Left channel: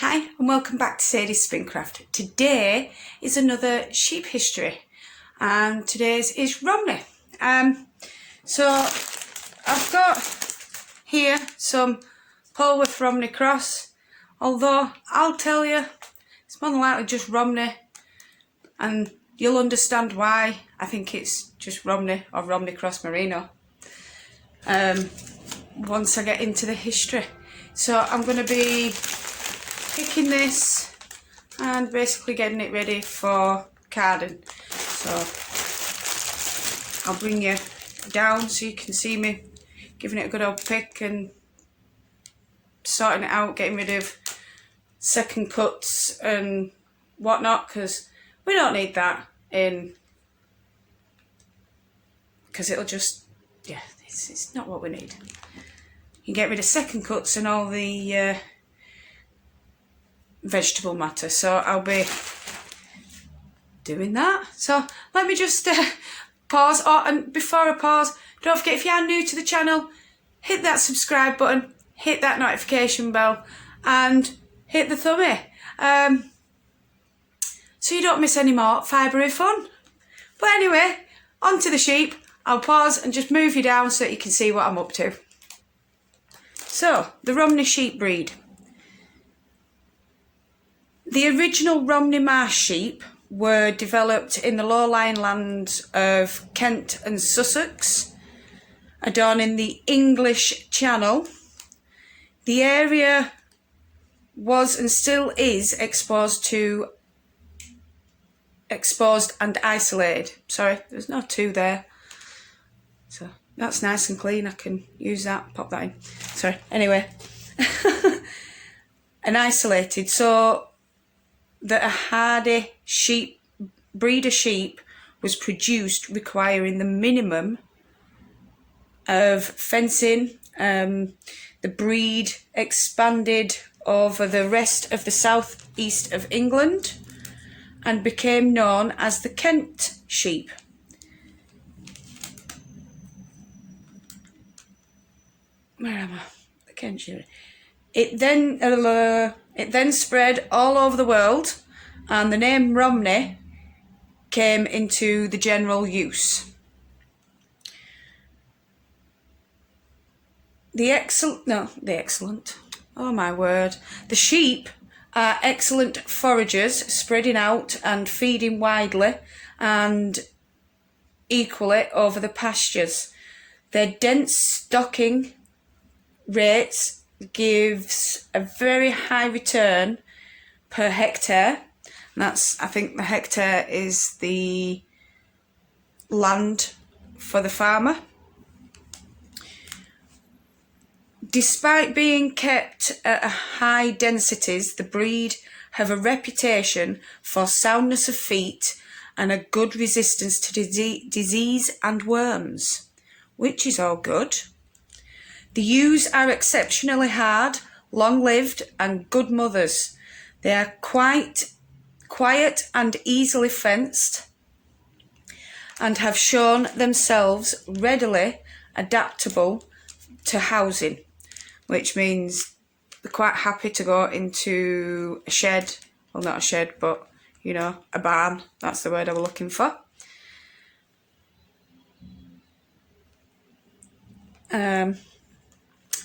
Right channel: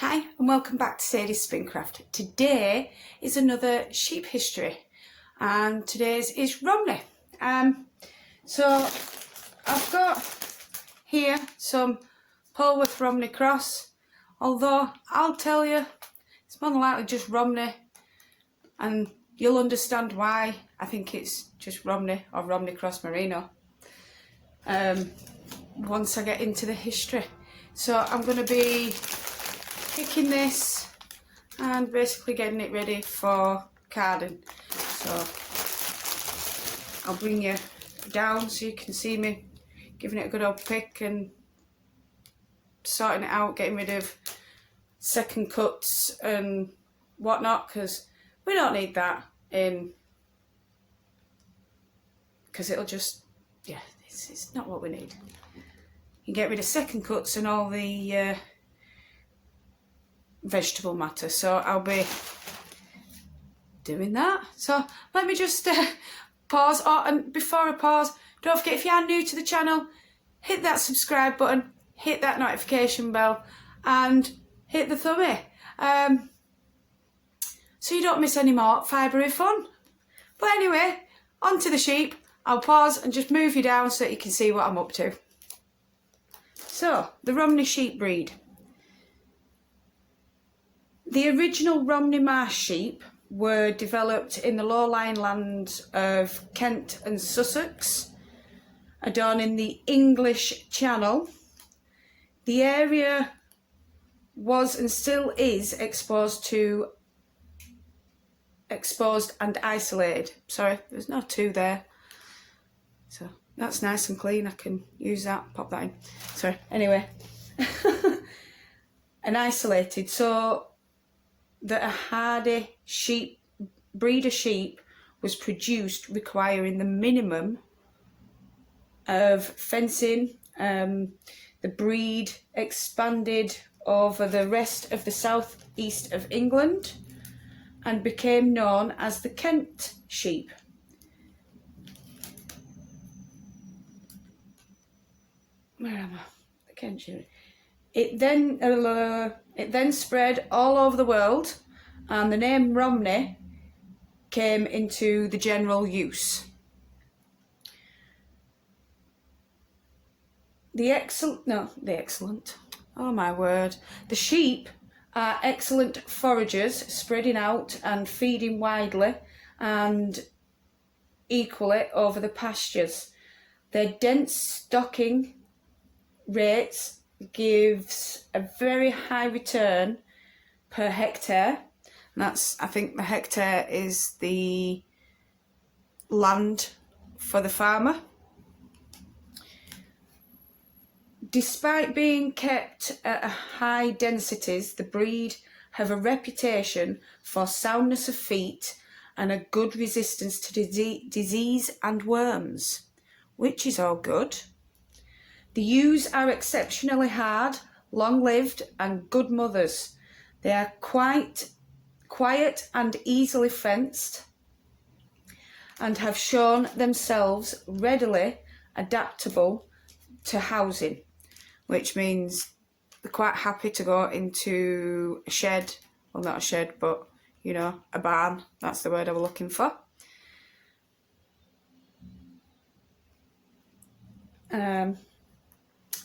Hi and welcome back to Sadie's Springcraft. Today is another sheep history and today's is Romney. So I've got here some Polworth Romney cross, although I'll tell you it's more than likely just Romney and you'll understand why I think it's just Romney or Romney cross merino once I get into the history. So I'm going to be picking this and basically getting it ready for carding. So I'll bring you down so you can see me giving it a good old pick and sorting it out, getting rid of second cuts and whatnot, because we don't need that in, because it'll just, yeah, it's not what we need. You can get rid of second cuts and all the vegetable matter, so I'll be doing that. So let me just pause. And before I pause, don't forget, if you are new to the channel, hit that subscribe button, hit that notification bell and hit the thumbie so you don't miss any more fibery fun. But anyway, on to the sheep. I'll pause and just move you down so that you can see what I'm up to. So the Romney sheep breed. The original Romney Marsh sheep were developed in the low-lying lands of Kent and Sussex, adorning the English Channel. The area was and still is exposed and isolated. Sorry, there's no two there. So that's nice and clean. I can use that, pop that in. Sorry, anyway. And isolated, so that a hardy breed of sheep was produced requiring the minimum of fencing. The breed expanded over the rest of the southeast of England and became known as the Kent sheep. Where am I? The Kent sheep. It then spread all over the world, and the name Romney came into the general use. The sheep are excellent foragers, spreading out and feeding widely and equally over the pastures. Their dense stocking rates gives a very high return per hectare. And that's, I think the hectare is the land for the farmer. Despite being kept at high densities, the breed have a reputation for soundness of feet and a good resistance to disease and worms, which is all good. The ewes are exceptionally hard, long-lived and good mothers. They are quite quiet and easily fenced and have shown themselves readily adaptable to housing, which means they're quite happy to go into a shed. Well, not a shed, but, you know, a barn. That's the word I was looking for.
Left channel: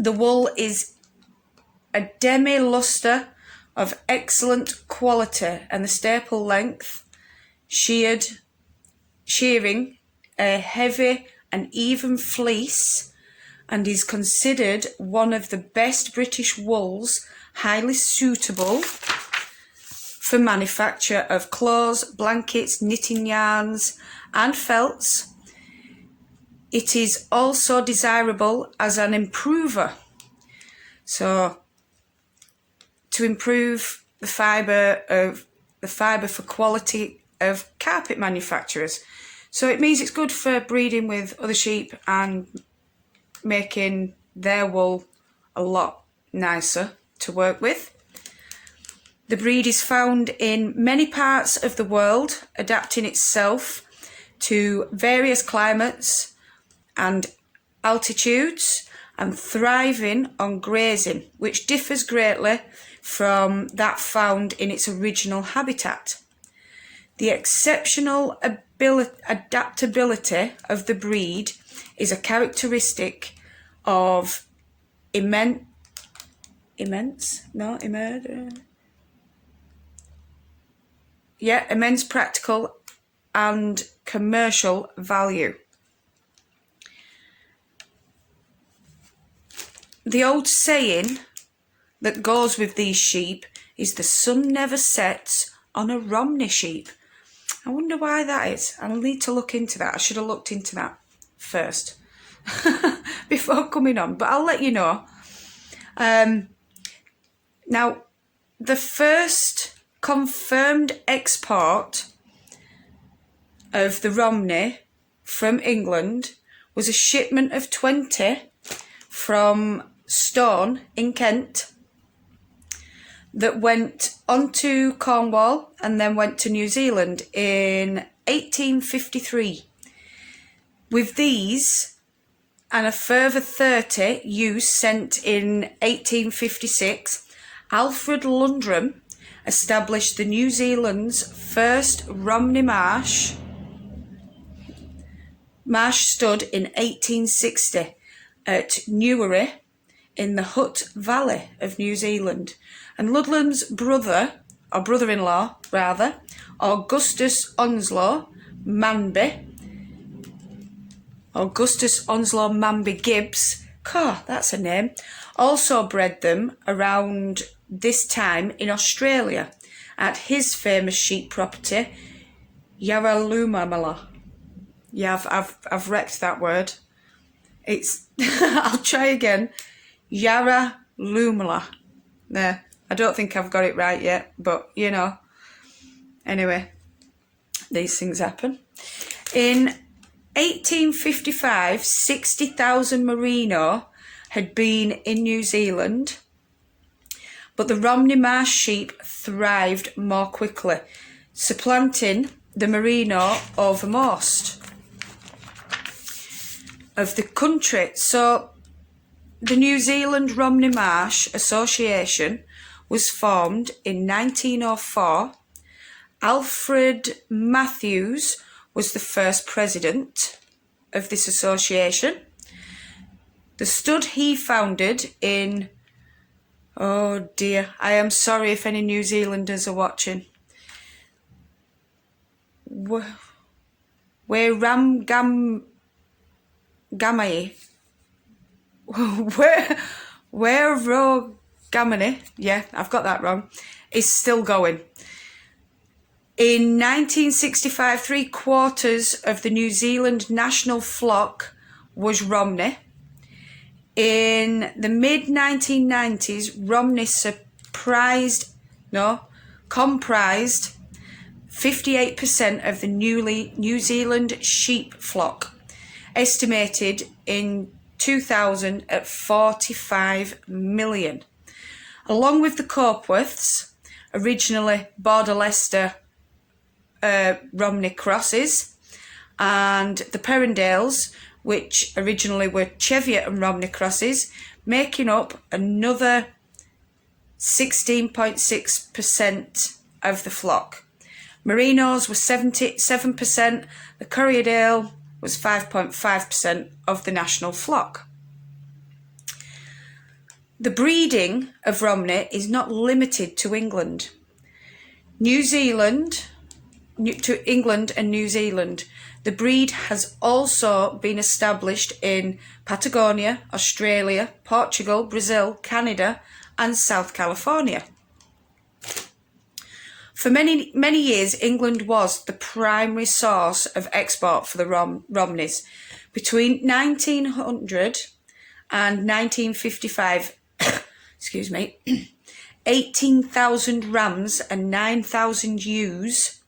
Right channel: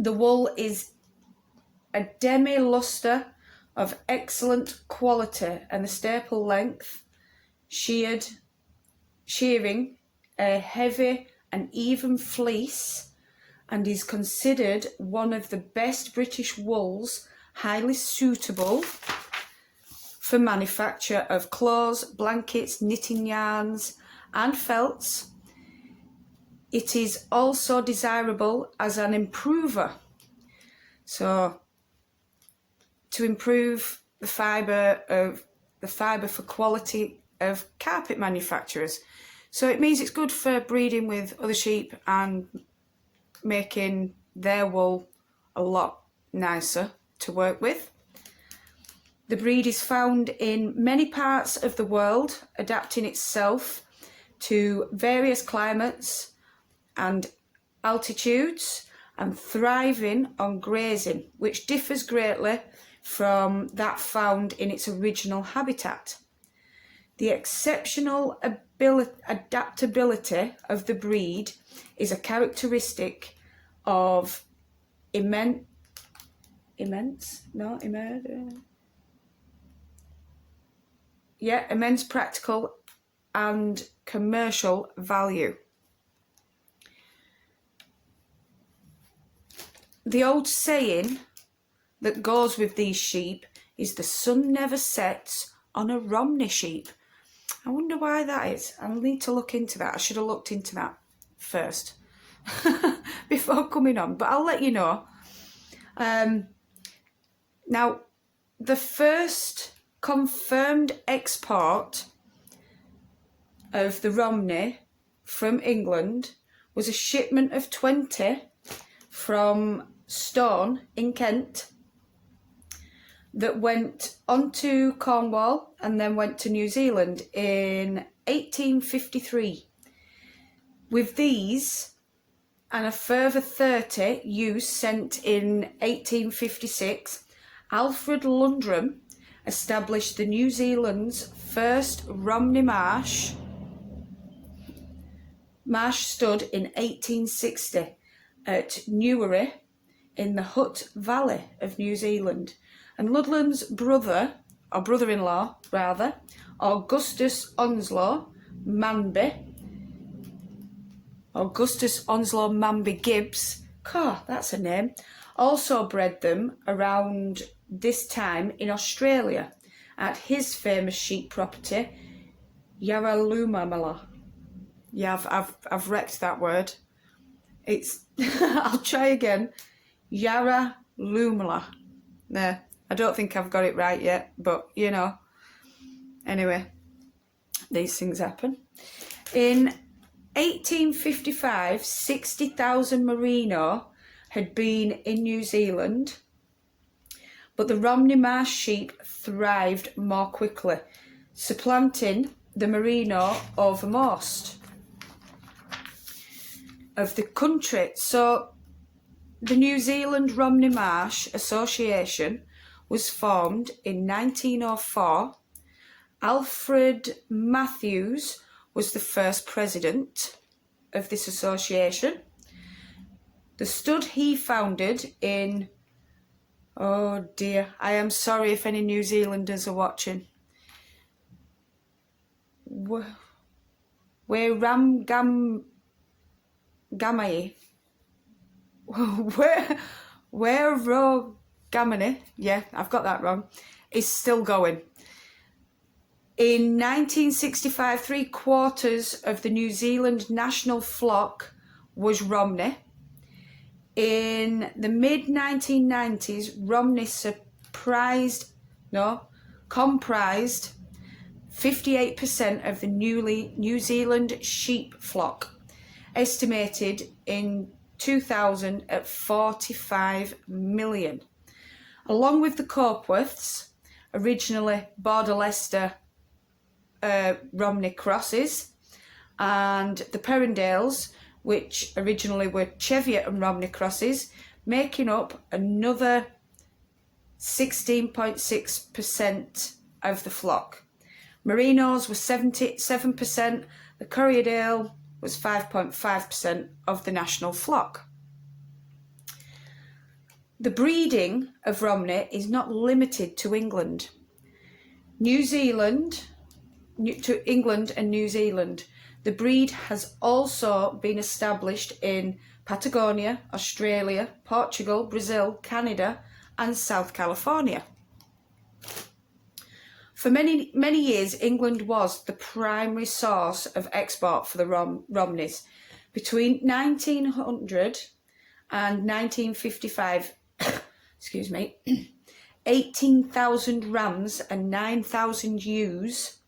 The wool is a demi-luster of excellent quality and the staple length, shearing a heavy and even fleece, and is considered one of the best British wools, highly suitable for manufacture of clothes, blankets, knitting yarns and felts. It is also desirable as an improver, so to improve the fibre for quality of carpet manufacturers. So it means it's good for breeding with other sheep and making their wool a lot nicer to work with. The breed is found in many parts of the world, adapting itself to various climates and altitudes and thriving on grazing, which differs greatly from that found in its original habitat. The exceptional adaptability of the breed is a characteristic of immense practical and commercial value. The old saying that goes with these sheep is the sun never sets on a Romney sheep. I wonder why that is. I'll need to look into that. I should have looked into that first before coming on, but I'll let you know. Now, the first confirmed export of the Romney from England was a shipment of 20 from Stone in Kent that went onto Cornwall and then went to New Zealand in 1853. With these and a further 30 ewes sent in 1856, Alfred Lundrum established the New Zealand's first Romney Marsh stud in 1860 at Newry in the Hutt Valley of New Zealand. And Ludlam's brother-in-law, Augustus Onslow Manby Gibbs, that's a name, also bred them around this time in Australia at his famous sheep property, Yarralumla. Yeah, I've wrecked that word. It's I'll try again. Yarralumla. There. I don't think I've got it right yet, but you know. Anyway, these things happen. In 1855, 60,000 merino had been in New Zealand, but the Romney Marsh sheep thrived more quickly, supplanting the merino over most of the country. So the New Zealand Romney Marsh Association was formed in 1904. Alfred Matthews was the first president of this association. The stud he founded in, oh dear, I am sorry if any New Zealanders are watching, where Ramgamai, where Rogamini, yeah, I've got that wrong, is still going. In 1965, 3/4 of the New Zealand national flock was Romney. In the mid-1990s, Romney comprised 58% of the New Zealand sheep flock, estimated in 2000 at 45 million. Along with the Copeworths, originally Border Leicester Romney crosses, and the Perrendales, which originally were Cheviot and Romney crosses, making up another 16.6% of the flock. Merinos were 77%, the Corriedale was 5.5% of the national flock. The breeding of Romney is not limited to England. To England and New Zealand. The breed has also been established in Patagonia, Australia, Portugal, Brazil, Canada, and South California. For many years, England was the primary source of export for the Romneys. Between 1900 and 1955, 18,000 rams and 9,000 ewes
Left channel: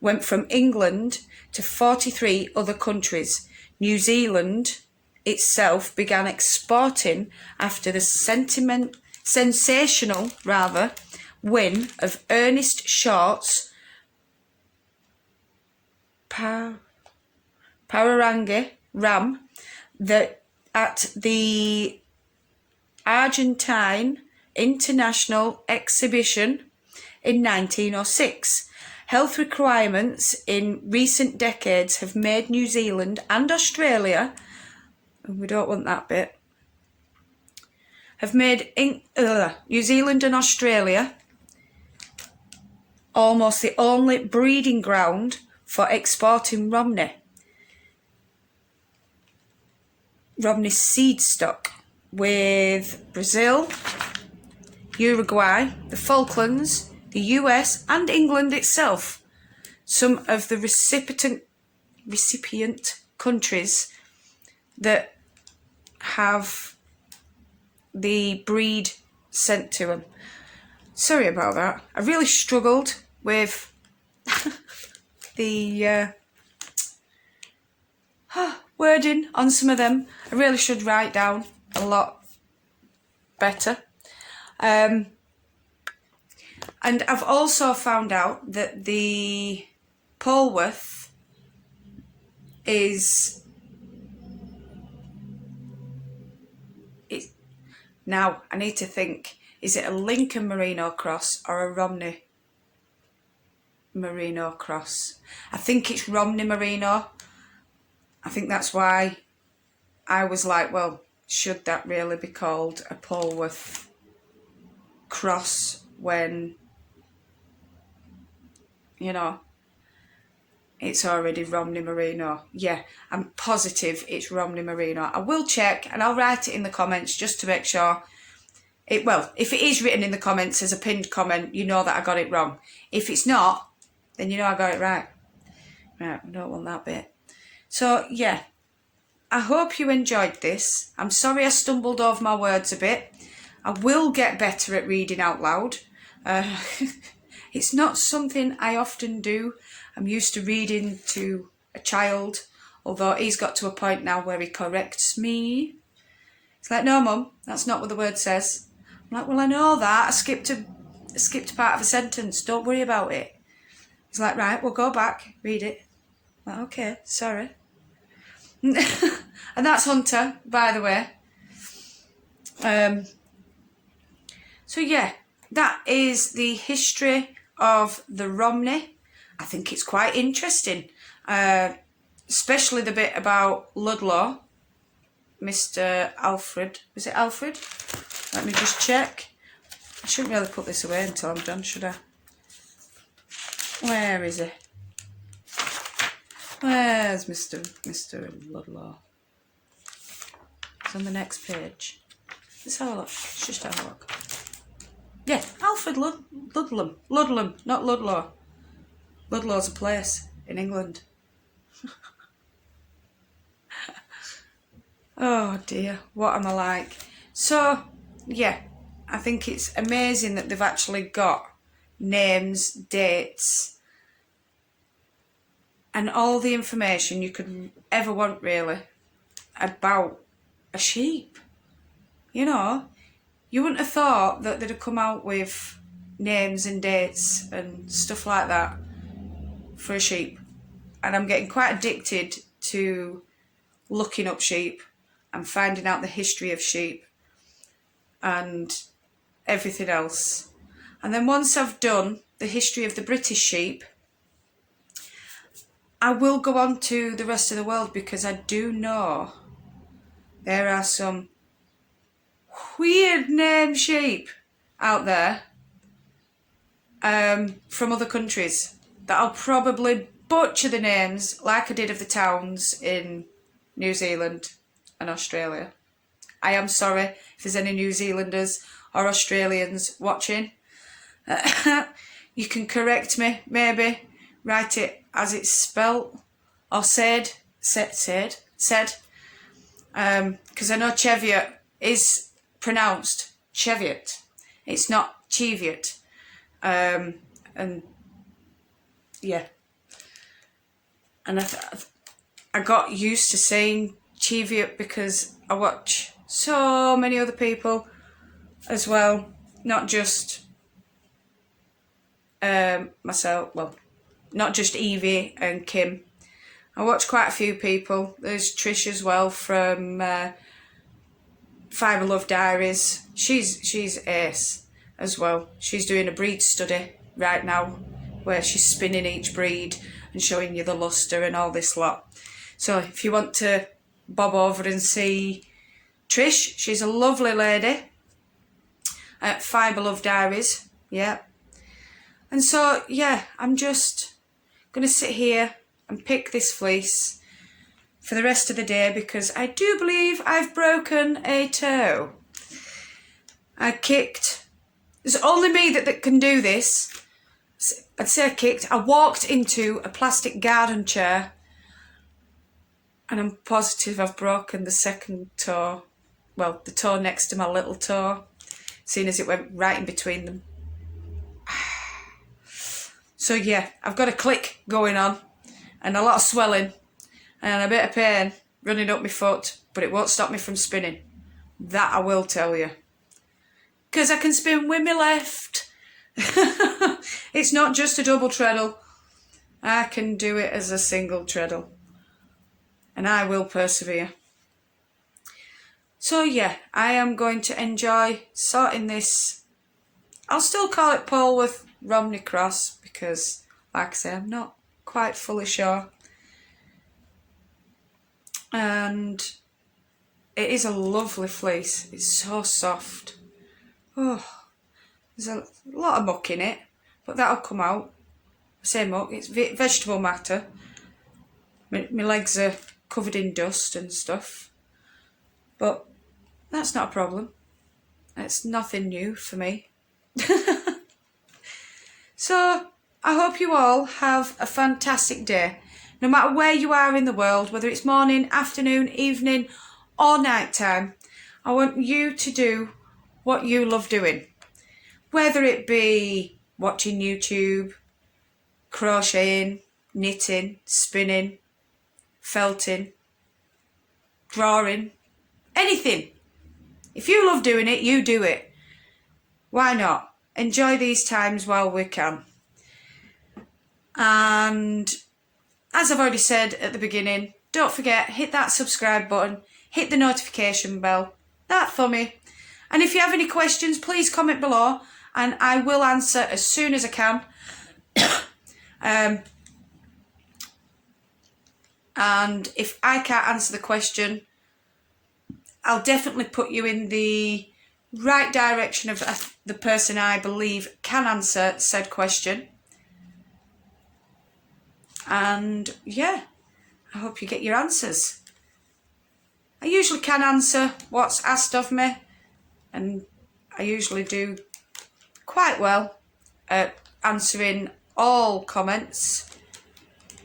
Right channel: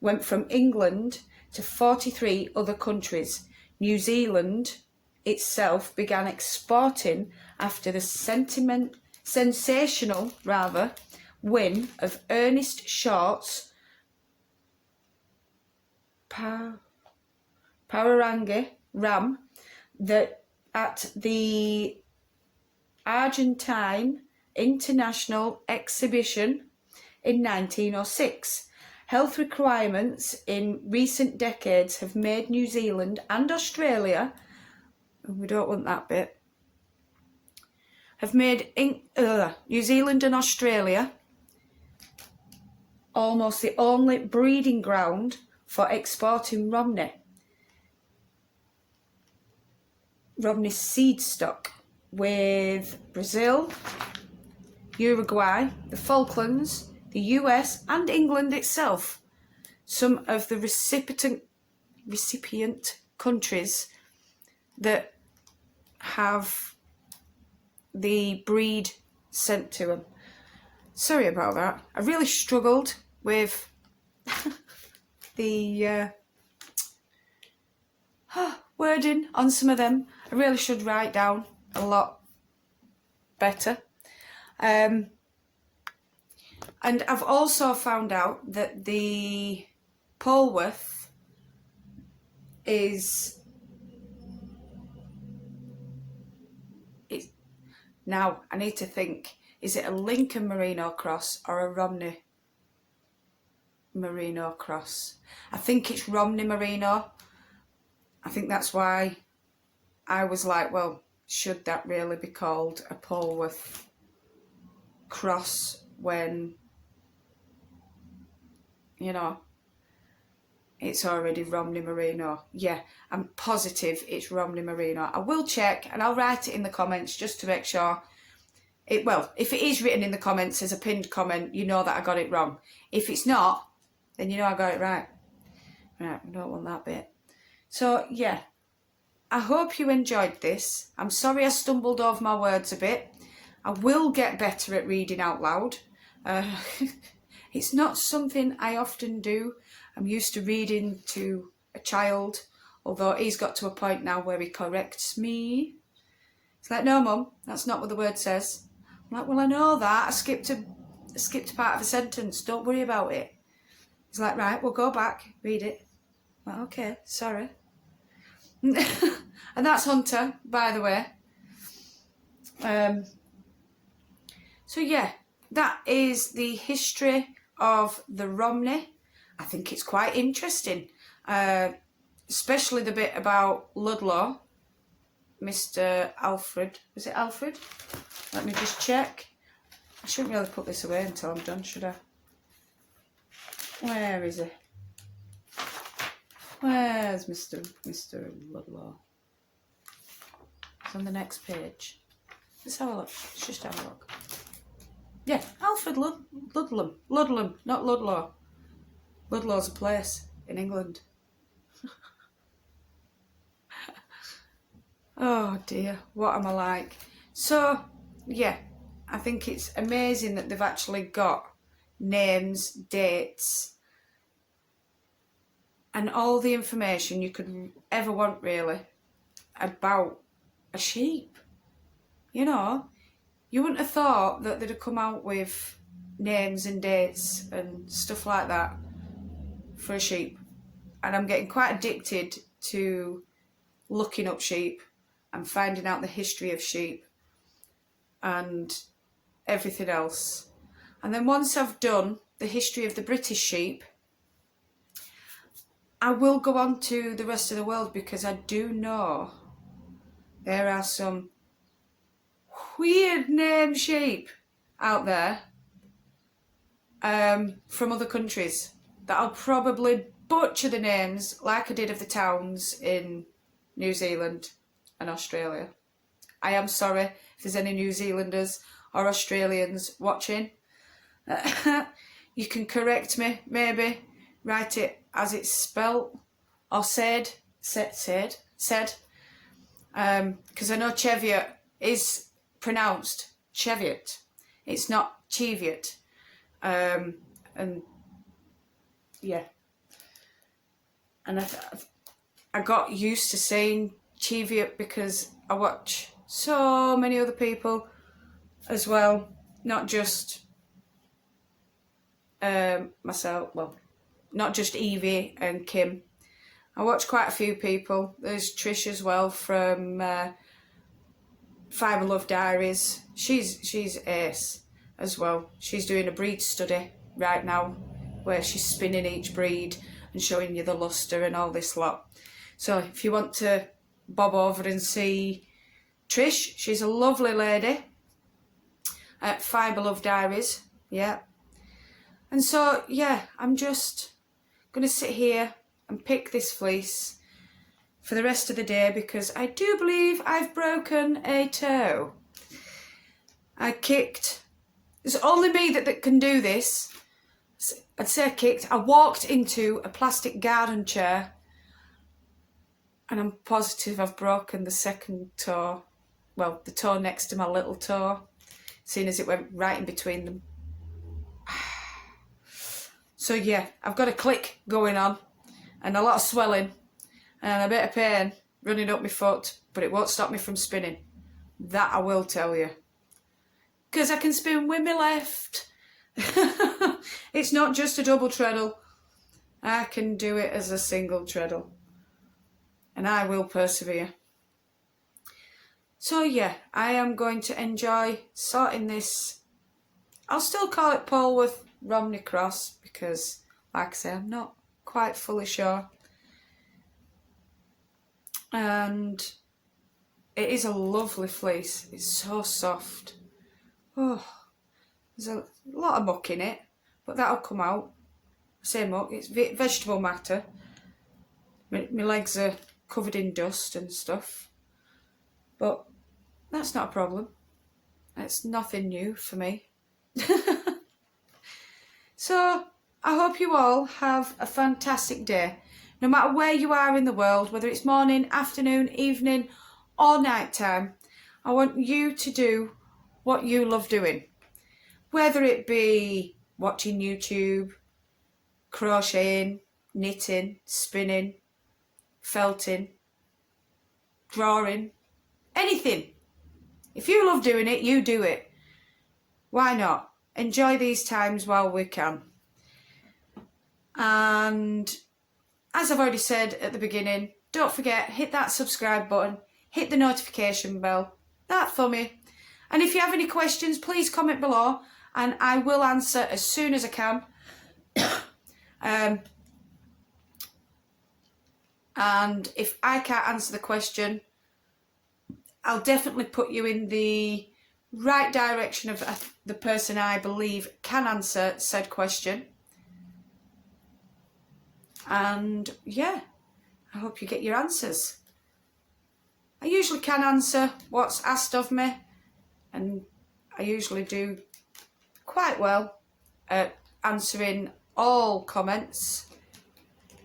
went from England to 43 other countries. New Zealand itself began exporting after the sensational win of Ernest Short's Pararangi ram at the Argentine international exhibition in 1906. Health requirements in recent decades have made New Zealand and Australia, and we don't want that bit, have made New Zealand and Australia almost the only breeding ground for exporting Romney seed stock, with Brazil, Uruguay, the Falklands, the US and England itself some of the recipient countries that have the breed sent to them. Sorry about that. I really struggled with the wording on some of them. I really should write down a lot better. And I've also found out that the Polwarth is... Now, I need to think, is it a Lincoln Merino cross or a Romney Merino cross? I think it's Romney Merino. I think that's why I was like, well, should that really be called a Polwarth cross when, you know, it's already Romney Merino? Yeah, I'm positive it's Romney Merino. I will check and I'll write it in the comments just to make sure. Well, if it is written in the comments as a pinned comment, you know that I got it wrong. If it's not, then you know I got it right. Right, we don't want that bit. So, yeah, I hope you enjoyed this. I'm sorry I stumbled over my words a bit. I will get better at reading out loud. It's not something I often do. I'm used to reading to a child, although he's got to a point now where he corrects me. It's like, no, Mum, that's not what the word says. I'm like, well, I know that. I skipped part of a sentence. Don't worry about it. He's like, right, we'll go back, read it. I'm like, okay, sorry. And that's Hunter, by the way. So yeah, that is the history of the Romney. I think it's quite interesting, especially the bit about Ludlow, Mr. Alfred. Was it Alfred? Let me just check. I shouldn't really put this away until I'm done, should I? Where is he? Where's Mr. Ludlow? It's on the next page. Let's have a look. Let's just have a look. Yeah, Alfred Ludlam. Ludlam, not Ludlow. Ludlow's a place in England. Oh dear, what am I like? So, yeah, I think it's amazing that they've actually got names, dates, and all the information you could ever want, really, about a sheep. You know, you wouldn't have thought that they'd have come out with names and dates and stuff like that for a sheep. And I'm getting quite addicted to looking up sheep and finding out the history of sheep and everything else. And then once I've done the history of the British sheep, I will go on to the rest of the world, because I do know there are some weird name sheep out there from other countries that I'll probably butcher the names like I did of the towns in New Zealand and Australia. I am sorry if there's any New Zealanders or Australians watching. You can correct me, maybe write it as it's spelt or said, because I know Cheviot is pronounced Cheviot. It's not Cheviot. And yeah, and I got used to saying Cheviot because I watch so many other people as well, not just myself, well, not just Evie and Kim. I watch quite a few people. There's Trish as well from Fibre Love Diaries. She's ace as well. She's doing a breed study right now where she's spinning each breed and showing you the lustre and all this lot. So if you want to bob over and see Trish, she's a lovely lady at Fibre Love Diaries. Yeah. And so, yeah, I'm just going to sit here and pick this fleece for the rest of the day because I do believe I've broken a toe. I kicked. It's only me that can do this. I'd say I kicked. I walked into a plastic garden chair and I'm positive I've broken the second toe. Well, the toe next to my little toe, seeing as it went right in between them. So yeah, I've got a click going on and a lot of swelling and a bit of pain running up my foot, but it won't stop me from spinning. That I will tell you. Because I can spin with my left. It's not just a double treadle. I can do it as a single treadle. And I will persevere. So yeah, I am going to enjoy sorting this. I'll still call it Polwarth Romney Cross because, like I say, I'm not quite fully sure. And it is a lovely fleece. It's so soft. Oh, there's a lot of muck in it, but that'll come out. Same muck, it's vegetable matter. My legs are covered in dust and stuff, but that's not a problem. It's nothing new for me. So I hope you all have a fantastic day. No matter where you are in the world, whether it's morning, afternoon, evening or night time, I want you to do what you love doing. Whether it be watching YouTube, crocheting, knitting, spinning, felting, drawing, anything. If you love doing it, you do it. Why not? Enjoy these times while we can. And as I've already said at the beginning, don't forget, hit that subscribe button, hit the notification bell, that thummy. And if you have any questions, please comment below and I will answer as soon as I can. And if I can't answer the question, I'll definitely put you in the right direction of the person I believe can answer said question. And yeah, I hope you get your answers. I usually can answer what's asked of me, and I usually do quite well at answering all comments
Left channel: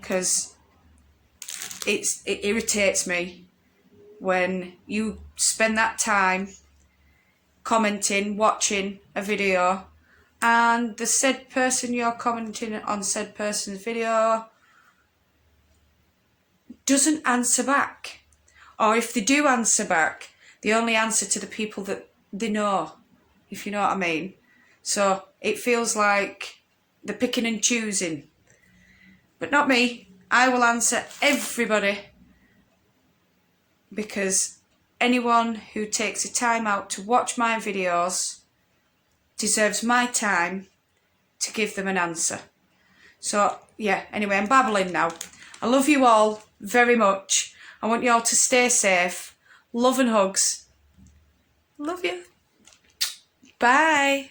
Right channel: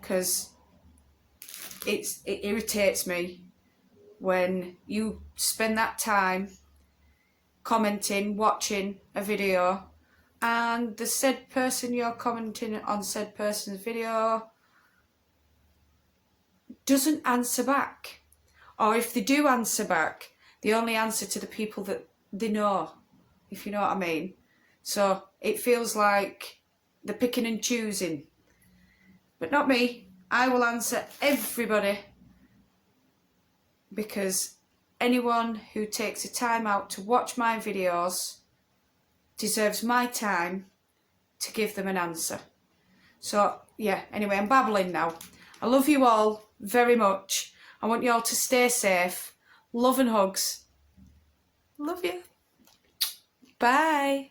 because it irritates me when you spend that time commenting, watching a video, and the said person you're commenting on said person's video doesn't answer back. Or if they do answer back, they only answer to the people that they know, if you know what I mean. So it feels like they're picking and choosing. But not me. I will answer everybody because anyone who takes the time out to watch my videos deserves my time to give them an answer. So yeah, anyway, I'm babbling now. I love you all very much. I want you all to stay safe. Love and hugs. Love you. Bye.